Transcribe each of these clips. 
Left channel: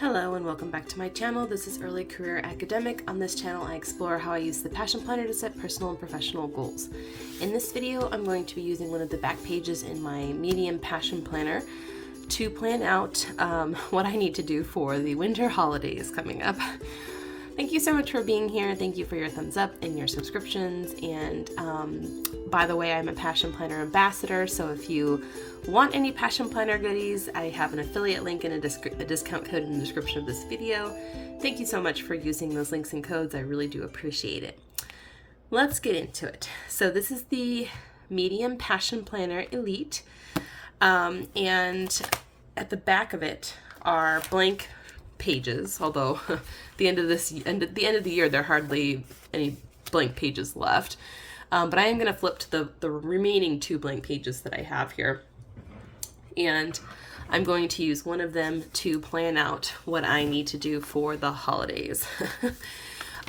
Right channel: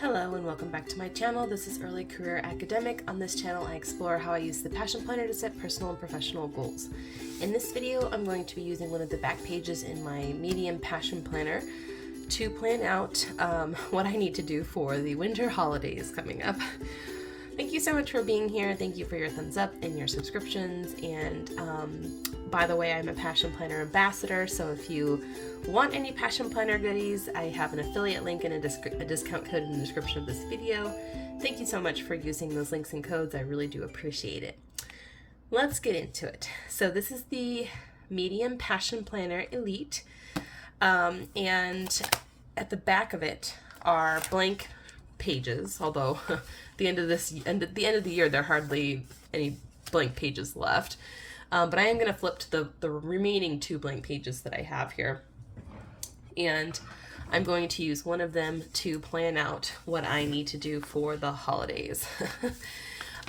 Hello and welcome back to my channel. This is Early Career Academic. On this channel I explore how I use the Passion Planner to set personal and professional goals. In this video I'm going to be using one of the back pages in my Medium Passion Planner to plan out what I need to do for the winter holidays coming up. Thank you so much for being here. Thank you for your thumbs up and your subscriptions. And by the way, I'm a Passion Planner ambassador, so if you want any Passion Planner goodies, I have an affiliate link and a discount code in the description of this video. Thank you so much for using those links and codes. I really do appreciate it. Let's get into it. So this is the Medium Passion Planner Elite, and at the back of it are blank pages, although the end of the year there are hardly any blank pages left, but I am going to flip to the remaining 2 blank pages that I have here, and I'm going to use one of them to plan out what I need to do for the holidays.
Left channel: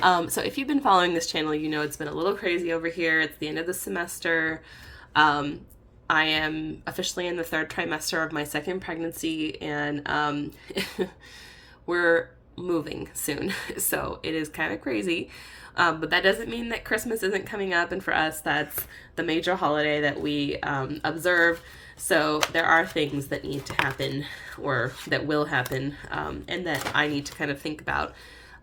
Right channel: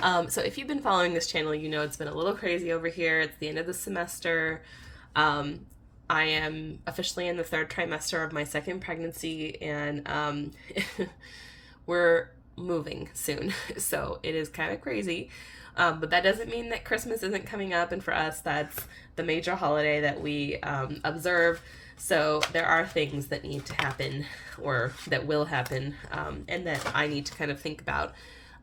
So if you've been following this channel, you know it's been a little crazy over here. It's the end of the semester. I am officially in the 3rd trimester of my 2nd pregnancy, and we're moving soon, so it is kind of crazy, but that doesn't mean that Christmas isn't coming up, and for us that's the major holiday that we observe. So there are things that need to happen, or that will happen, and that I need to kind of think about,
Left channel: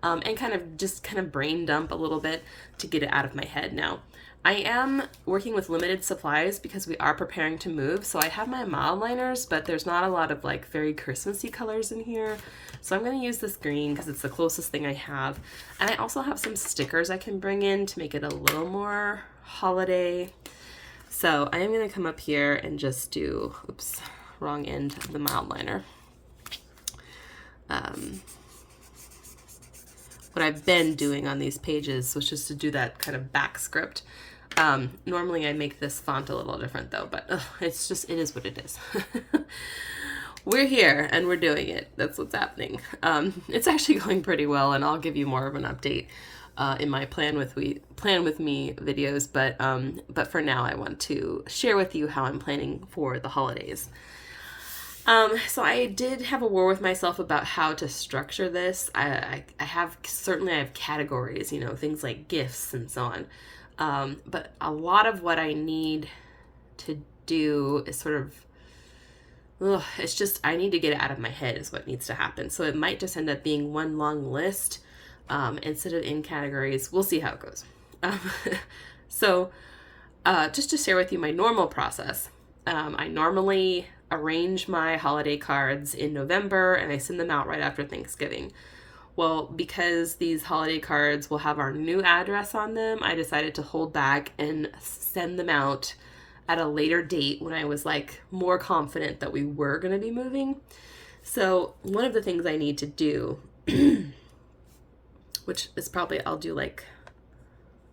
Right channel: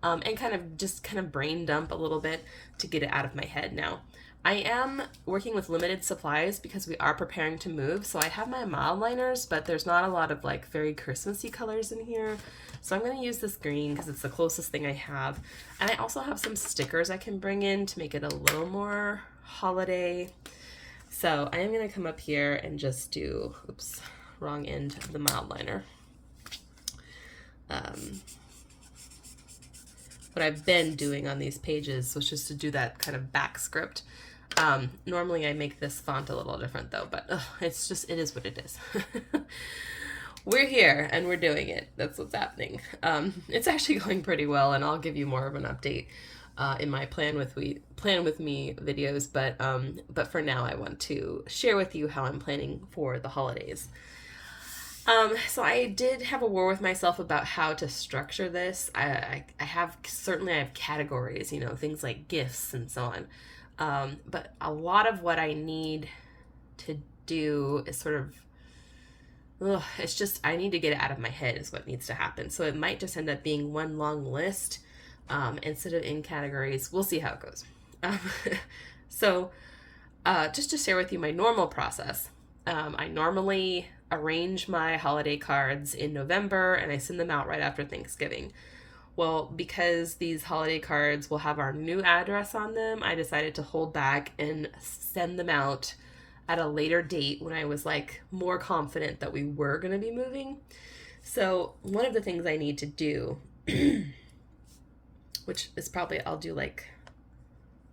and kind of brain dump a little bit to get it out of my head. Now, I am working with limited supplies because we are preparing to move, so I have my mild liners, but there's not a lot of like very Christmassy colors in here. So I'm going to use this green because it's the closest thing I have. And I also have some stickers I can bring in to make it a little more holiday. So I am going to come up here and just do, oops, wrong end of the mild liner. What I've been doing on these pages, which is to do that kind of back script. Normally I make this font a little different though, but it is what it is. We're here and we're doing it. That's what's happening. It's actually going pretty well, and I'll give you more of an update in my plan with me videos. But for now, I want to share with you how I'm planning for the holidays. So I did have a war with myself about how to structure this. I have categories, you know, things like gifts and so on. But a lot of what I need to do is sort of, it's just, I need to get it out of my head is what needs to happen. So it might just end up being one long list instead of in categories. We'll see how it goes. So just to share with you my normal process, I normally arrange my holiday cards in November and I send them out right after Thanksgiving. Well, because these holiday cards will have our new address on them, I decided to hold back and send them out at a later date when I was like more confident that we were going to be moving. So one of the things I need to do, which is probably, I'll do like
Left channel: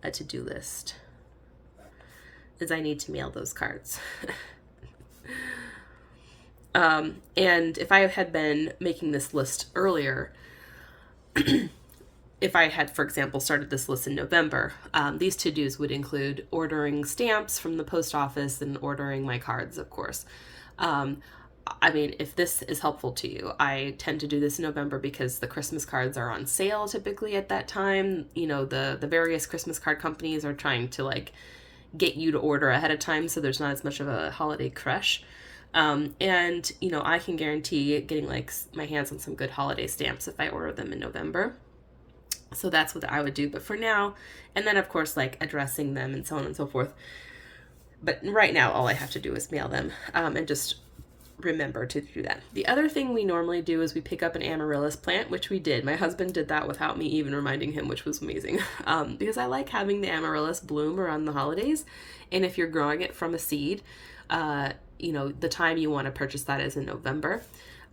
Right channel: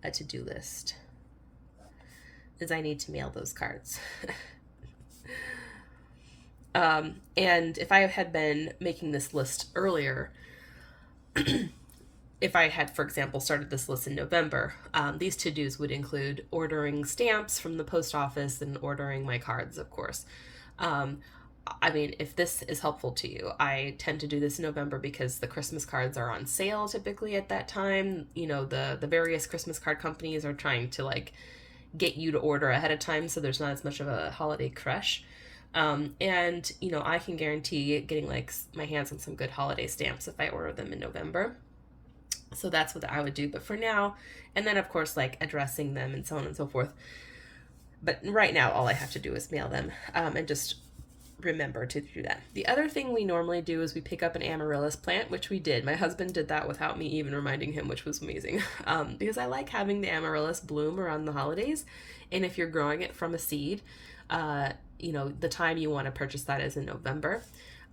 a to-do list, is I need to mail those cards. And if I had been making this list earlier, if I had, for example, started this list in November, these to-dos would include ordering stamps from the post office and ordering my cards, of course. I mean, if this is helpful to you, I tend to do this in November because the Christmas cards are on sale typically at that time. You know, the various Christmas card companies are trying to like get you to order ahead of time, so there's not as much of a holiday crush. And, you know, I can guarantee getting like my hands on some good holiday stamps if I order them in November. So that's what I would do. But for now, and then of course, like addressing them and so on and so forth. But right now, all I have to do is mail them, and just remember to do that. The other thing we normally do is we pick up an amaryllis plant, which we did. My husband did that without me even reminding him, which was amazing. Because I like having the amaryllis bloom around the holidays. And if you're growing it from a seed, you know, the time you want to purchase that is in November.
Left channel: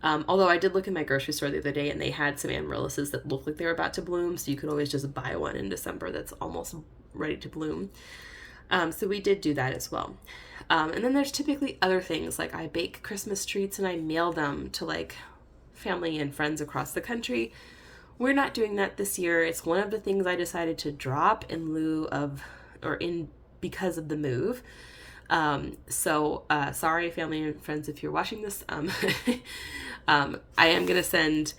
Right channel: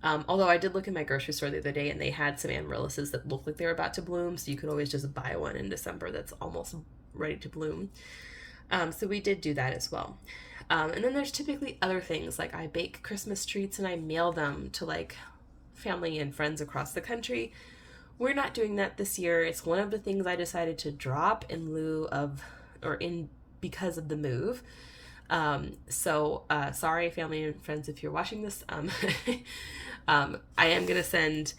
Although I did look in my grocery store the other day and they had some amaryllises that looked like they were about to bloom, so you could always just buy one in December that's almost ready to bloom. So we did do that as well. And then there's typically other things, like I bake Christmas treats and I mail them to like family and friends across the country. We're not doing that this year. It's one of the things I decided to drop in lieu of, because of the move. Sorry, family and friends, if you're watching this. I am going to send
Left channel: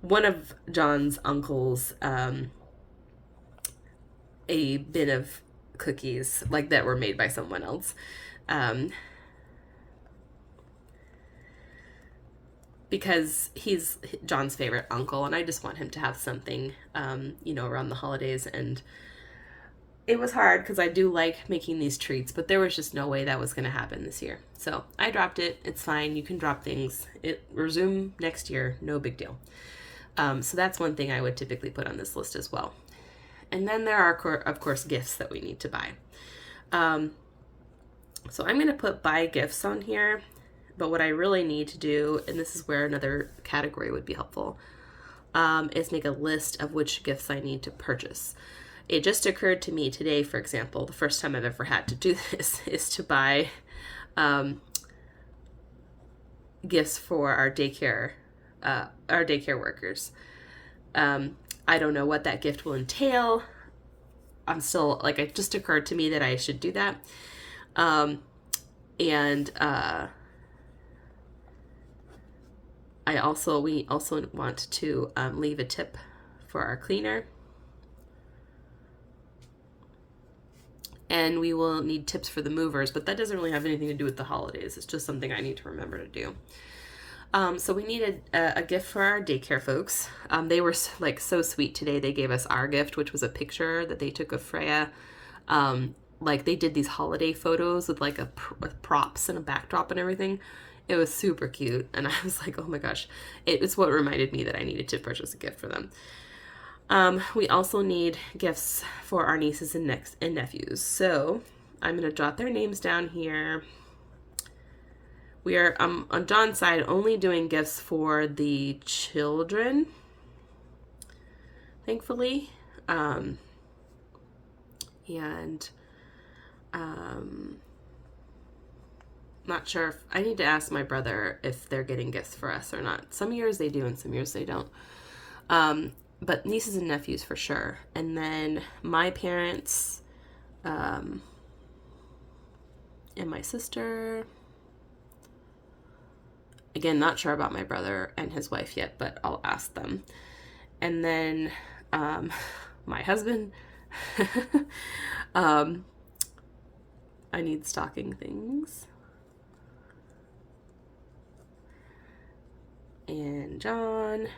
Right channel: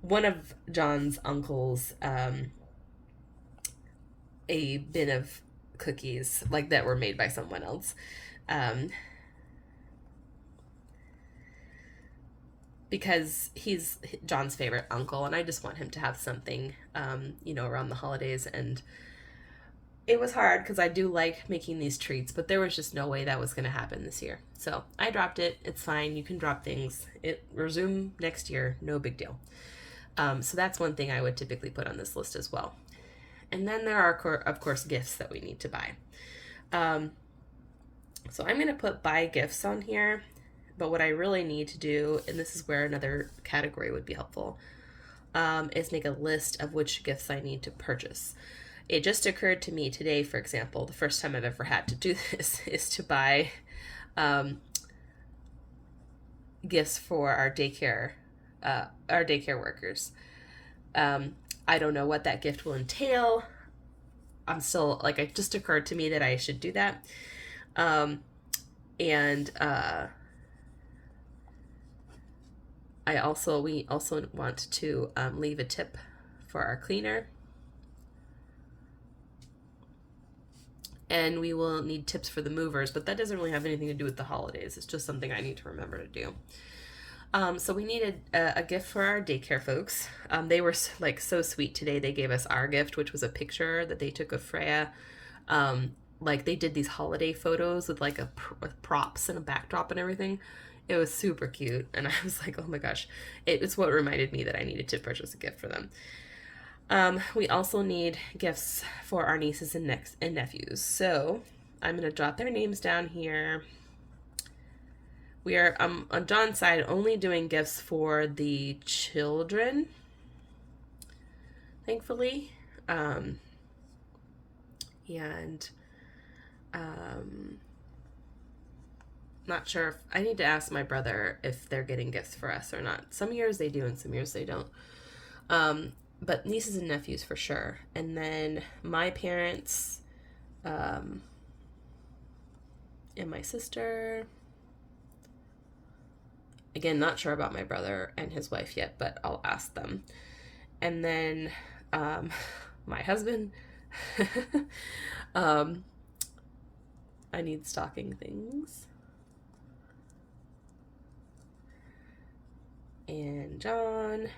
one of John's uncles a bin of cookies like that were made by someone else. Because he's John's favorite uncle, and I just want him to have something, around the holidays. And it was hard because I do like making these treats, but there was just no way that was going to happen this year. So I dropped it. It's fine. You can drop things. It resume next year. No big deal. So that's one thing I would typically put on this list as well. And then there are, of course, gifts that we need to buy. So I'm going to put buy gifts on here. But what I really need to do, and this is where another category would be helpful, is make a list of which gifts I need to purchase. It just occurred to me today, for example, the first time I've ever had to do this is to buy gifts for our daycare workers. I don't know what that gift will entail. I'm still, it just occurred to me that I should do that. We also want to leave a tip for our cleaner. And we will need tips for the movers, but that doesn't really have anything to do with the holidays. It's just something I need to remember to do. So we needed a gift for our daycare folks. They were so sweet today. They gave us our gift, which was a picture that they took of Freya. They did these holiday photos with with props and a backdrop and everything. It was super cute, and I was like, oh my gosh. It's what reminded me that I needed to purchase a gift for them. We also need gifts for our nieces and nephews. So I'm going to jot their names down here. We are, on John's side, only doing gifts for the children, thankfully. Not sure if I need to ask my brother if they're getting gifts for us or not. Some years they do and some years they don't. But nieces and nephews for sure. And then my parents, and my sister. Again, not sure about my brother and his wife yet, but I'll ask them. And then my husband. I need stocking things. And John.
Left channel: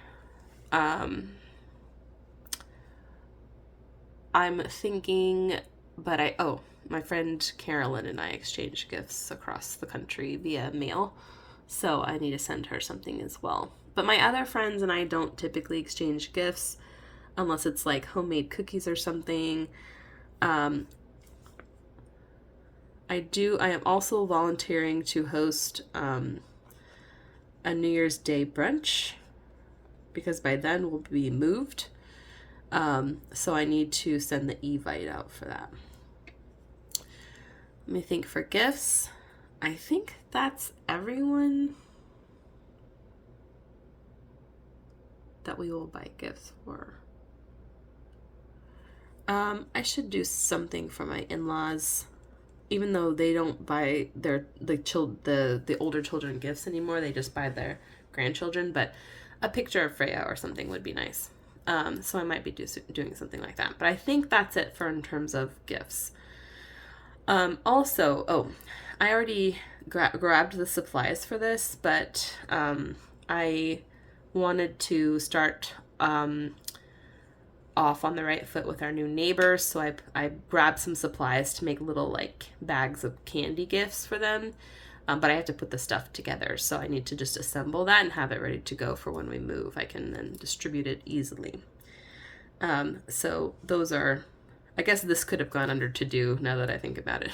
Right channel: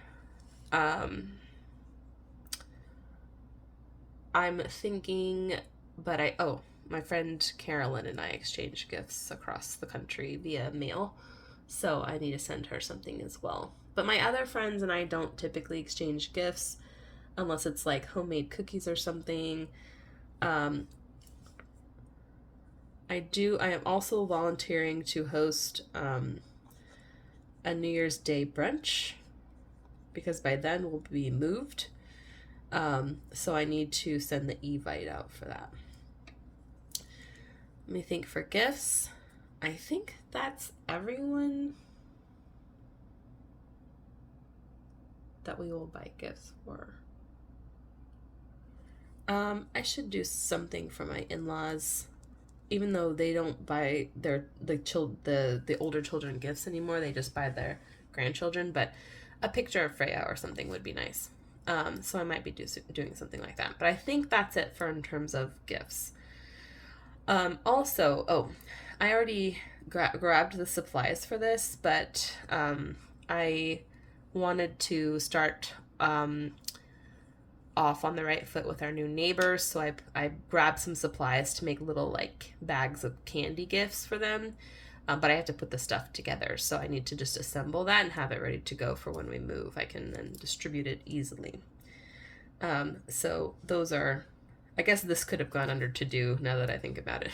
I'm thinking, my friend Carolyn and I exchanged gifts across the country via mail, so I need to send her something as well. But my other friends and I don't typically exchange gifts unless it's homemade cookies or something. I am also volunteering to host a New Year's Day brunch because by then we'll be moved. So I need to send the e-vite out for that. Let me think for gifts. I think that's everyone that we will buy gifts for. I should do something for my in-laws, even though they don't buy the older children gifts anymore. They just buy their grandchildren, but a picture of Freya or something would be nice. So I might be doing something like that. But I think that's it in terms of gifts. I already grabbed the supplies for this, but I wanted to start off on the right foot with our new neighbors. So I grabbed some supplies to make little bags of candy gifts for them. But I have to put the stuff together, so I need to just assemble that and have it ready to go for when we move. I can then distribute it easily. So those are, I guess this could have gone under to do now that I think about it,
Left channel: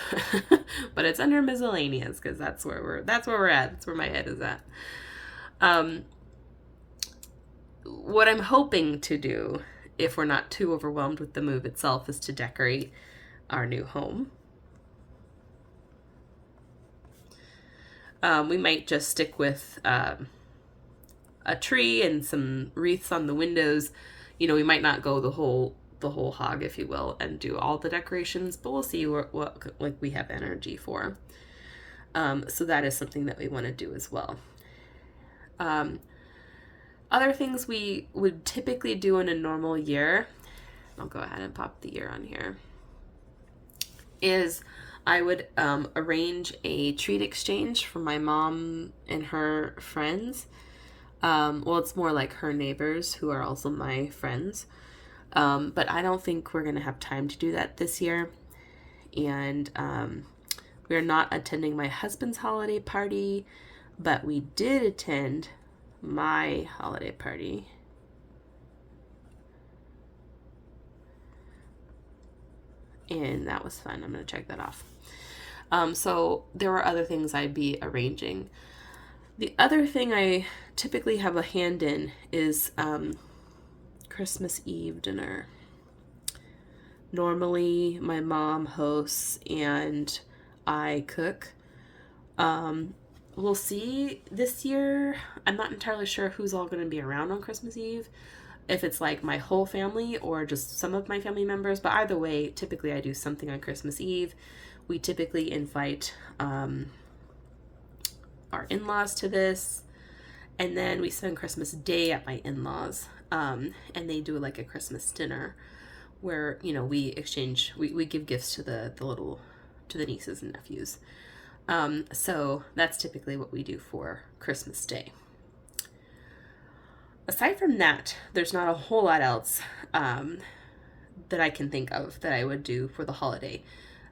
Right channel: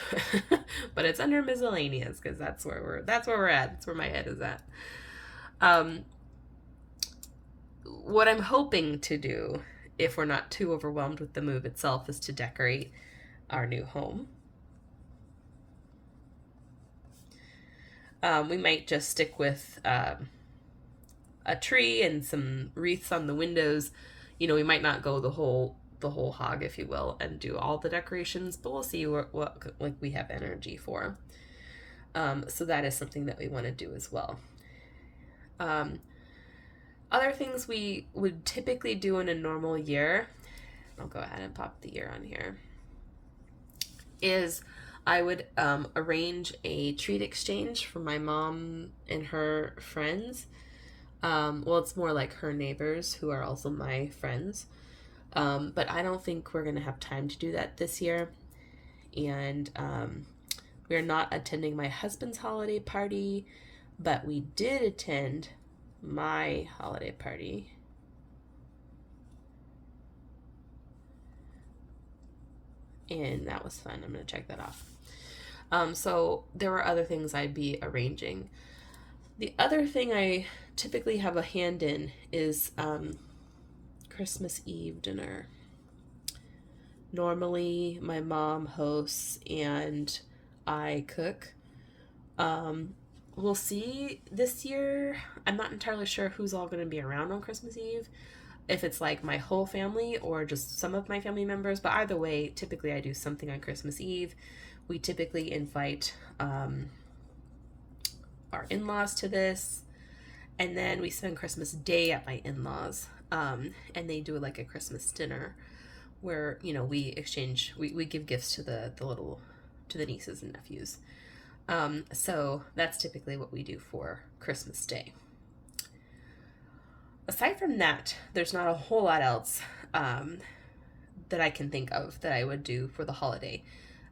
but it's under miscellaneous because that's where we're at. That's where my head is at. What I'm hoping to do, if we're not too overwhelmed with the move itself, is to decorate our new home. We might just stick with a tree and some wreaths on the windows. We might not go the whole hog, if you will, and do all the decorations, but we'll see what we have energy for. So that is something that we want to do as well. Other things we would typically do in a normal year, I'll go ahead and pop the year on here, is I would arrange a treat exchange for my mom and her friends. Well, it's more like her neighbors who are also my friends. But I don't think we're going to have time to do that this year. And we're not attending my husband's holiday party, but we did attend my holiday party. And that was fun. I'm going to check that off. So there are other things I'd be arranging. The other thing I typically have a hand in is Christmas Eve dinner. Normally my mom hosts and I cook. We'll see this year. I'm not entirely sure who's all going to be around on Christmas Eve. If it's like my whole family or just some of my family members. But either way, typically I do something on Christmas Eve. We typically invite our in-laws to this. And then we spend Christmas Day at my in-laws. And they do like a Christmas dinner where, you know, we exchange, we give gifts to the nieces and nephews. So that's typically what we do for Christmas Day. Aside from that, there's not a whole lot else that I can think of that I would do for the holiday.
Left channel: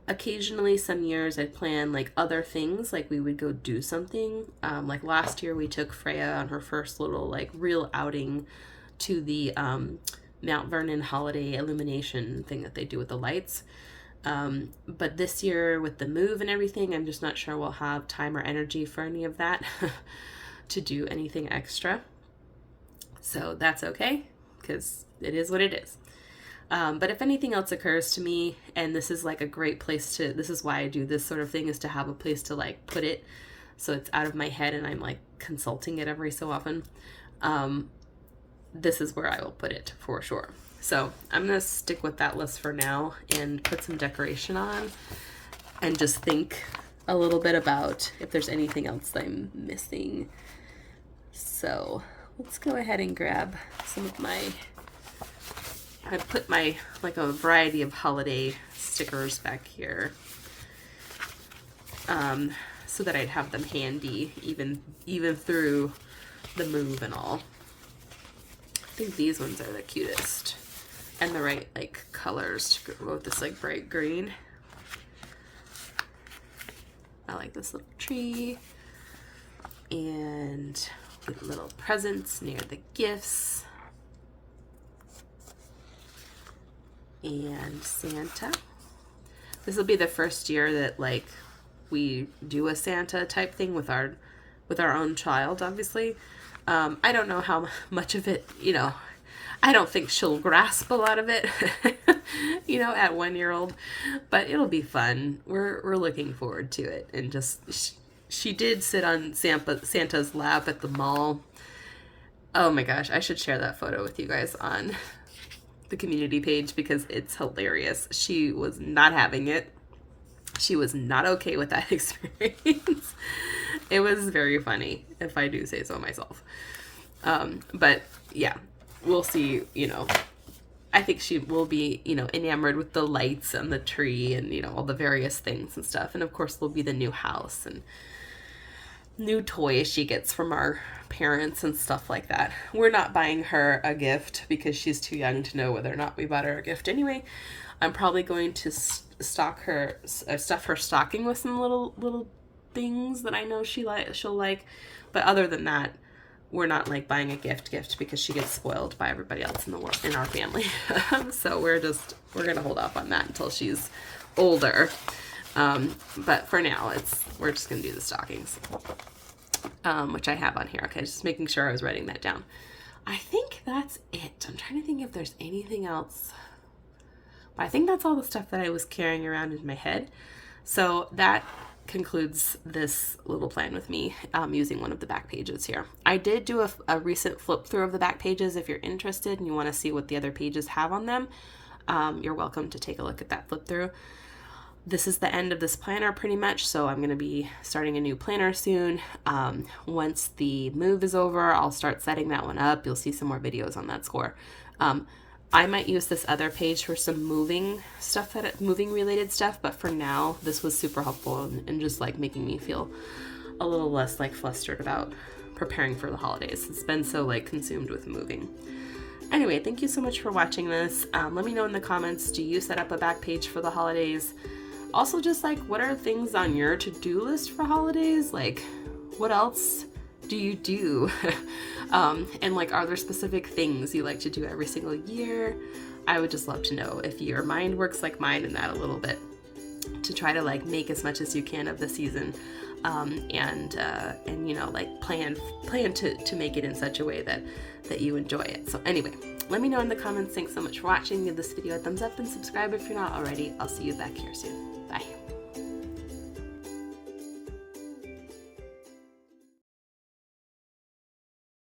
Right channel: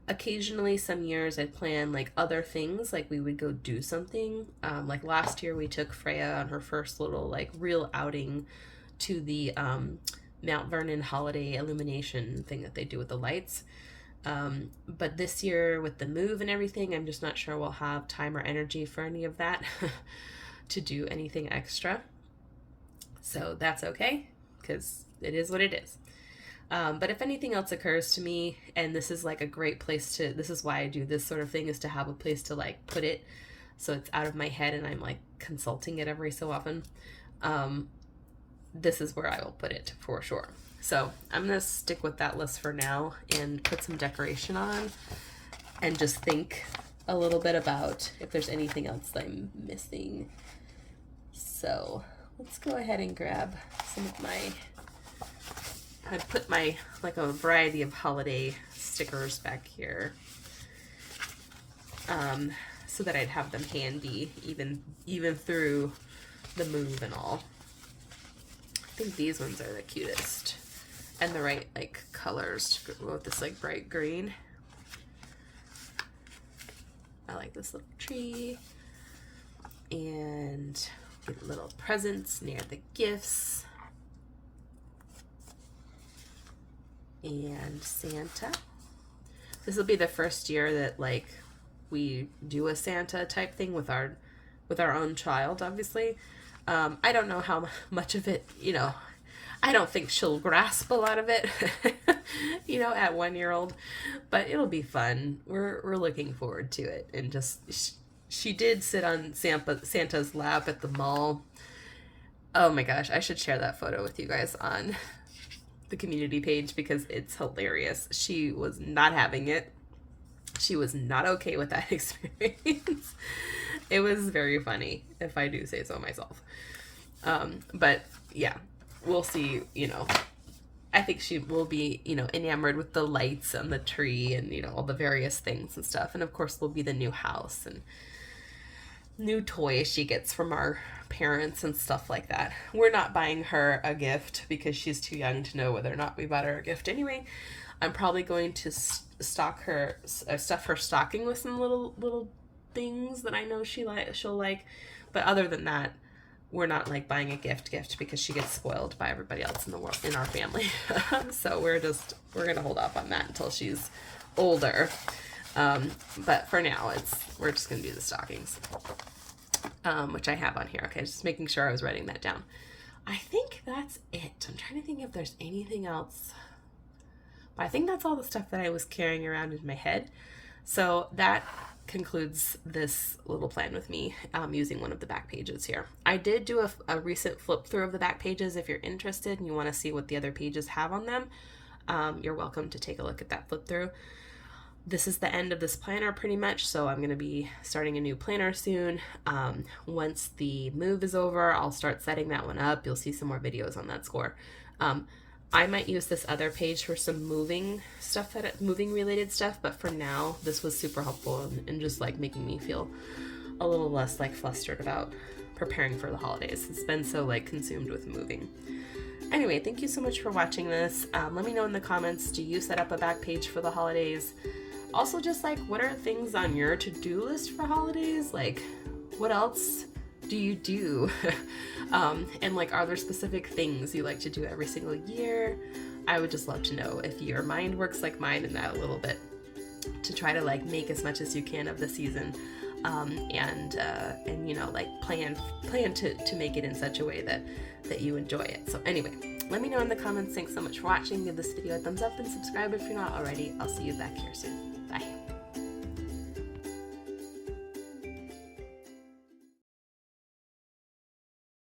Occasionally, some years I'd plan like other things, like we would go do something. Like last year we took Freya on her first little like real outing to the Mount Vernon holiday illumination thing that they do with the lights. But this year with the move and everything, I'm just not sure we'll have time or energy for any of that to do anything extra. So that's okay, because it is what it is. But if anything else occurs to me, and this is like a great place to, this is why I do this sort of thing, is to have a place to like put it so it's out of my head and I'm like consulting it every so often. This is where I will put it for sure. So I'm going to stick with that list for now and put some decoration on and just think a little bit about if there's anything else that I'm missing. So let's go ahead and grab some of my, I put my, like a variety of holiday stickers back here so that I'd have them handy even through the move and all. I think these ones are the cutest and the right like colors to go with this like bright green. I like this little tree and little presents near the gifts and Santa. This will be the first year that like we do a Santa type thing with our own child, obviously. I don't know how much of it, you know, I don't think she'll grasp a lot of it, you know, at 1 year old, but it'll be fun. We're looking forward to it. And just, she did sit on Santa's lap at the mall. Oh my gosh, I should share that photo with you guys on the community page because it's hilarious. She was not having it. She was not okay with that experience. It was very funny, if I do say so myself. But yeah, we'll see, you know, I think she will be, you know, enamored with the lights and the tree and, you know, all the various things and stuff. And of course there'll be the new house and new toys she gets from our parents and stuff like that. We're not buying her a gift because she's too young to know whether or not we bought her a gift anyway. I'm probably going to stuff her stocking with some little things that I know she'll like, but other than that, we're not like buying a gift because she gets spoiled by everybody else in the world in our family. So we're gonna hold off on that until she's older. But for now, we're just gonna do the stockings, which I have on here. Okay, just making sure I was writing that down. I think that's it. I'm trying to think if there's anything else. But I think that's all the stuff that I was carrying around in my head. So that concludes this little plan with me using one of the back pages here. I did do a recent flip through of the back pages. If you're interested and you want to see what the other pages have on them, you're welcome to take a look at that flip through. this is the end of this planner pretty much, so I'm going to be starting a new planner soon. Once the move is over, I'll start setting that one up. You'll see some more videos on that score. I might use this other page for some moving related stuff, but for now, this was super helpful and just like making me feel a little less like flustered about preparing for the holidays. It's been so like consumed with moving. Anyway, thank you so much for watching this. Let me know in the comments, do you set up a back page for the holidays? Also, just like, what are things on your to-do list for holidays? Like, what else do you do? And like, are there specific things you like to do every single year? I would just love to know if your mind works like mine in that a little bit, to try to like make as much as you can of the season, and you know, like plan to make it in such a way that you enjoy it. So anyway, let me know in the comments. Thanks so much for watching. Give this video a thumbs up and subscribe if you're not already. I'll see you back here soon. Bye.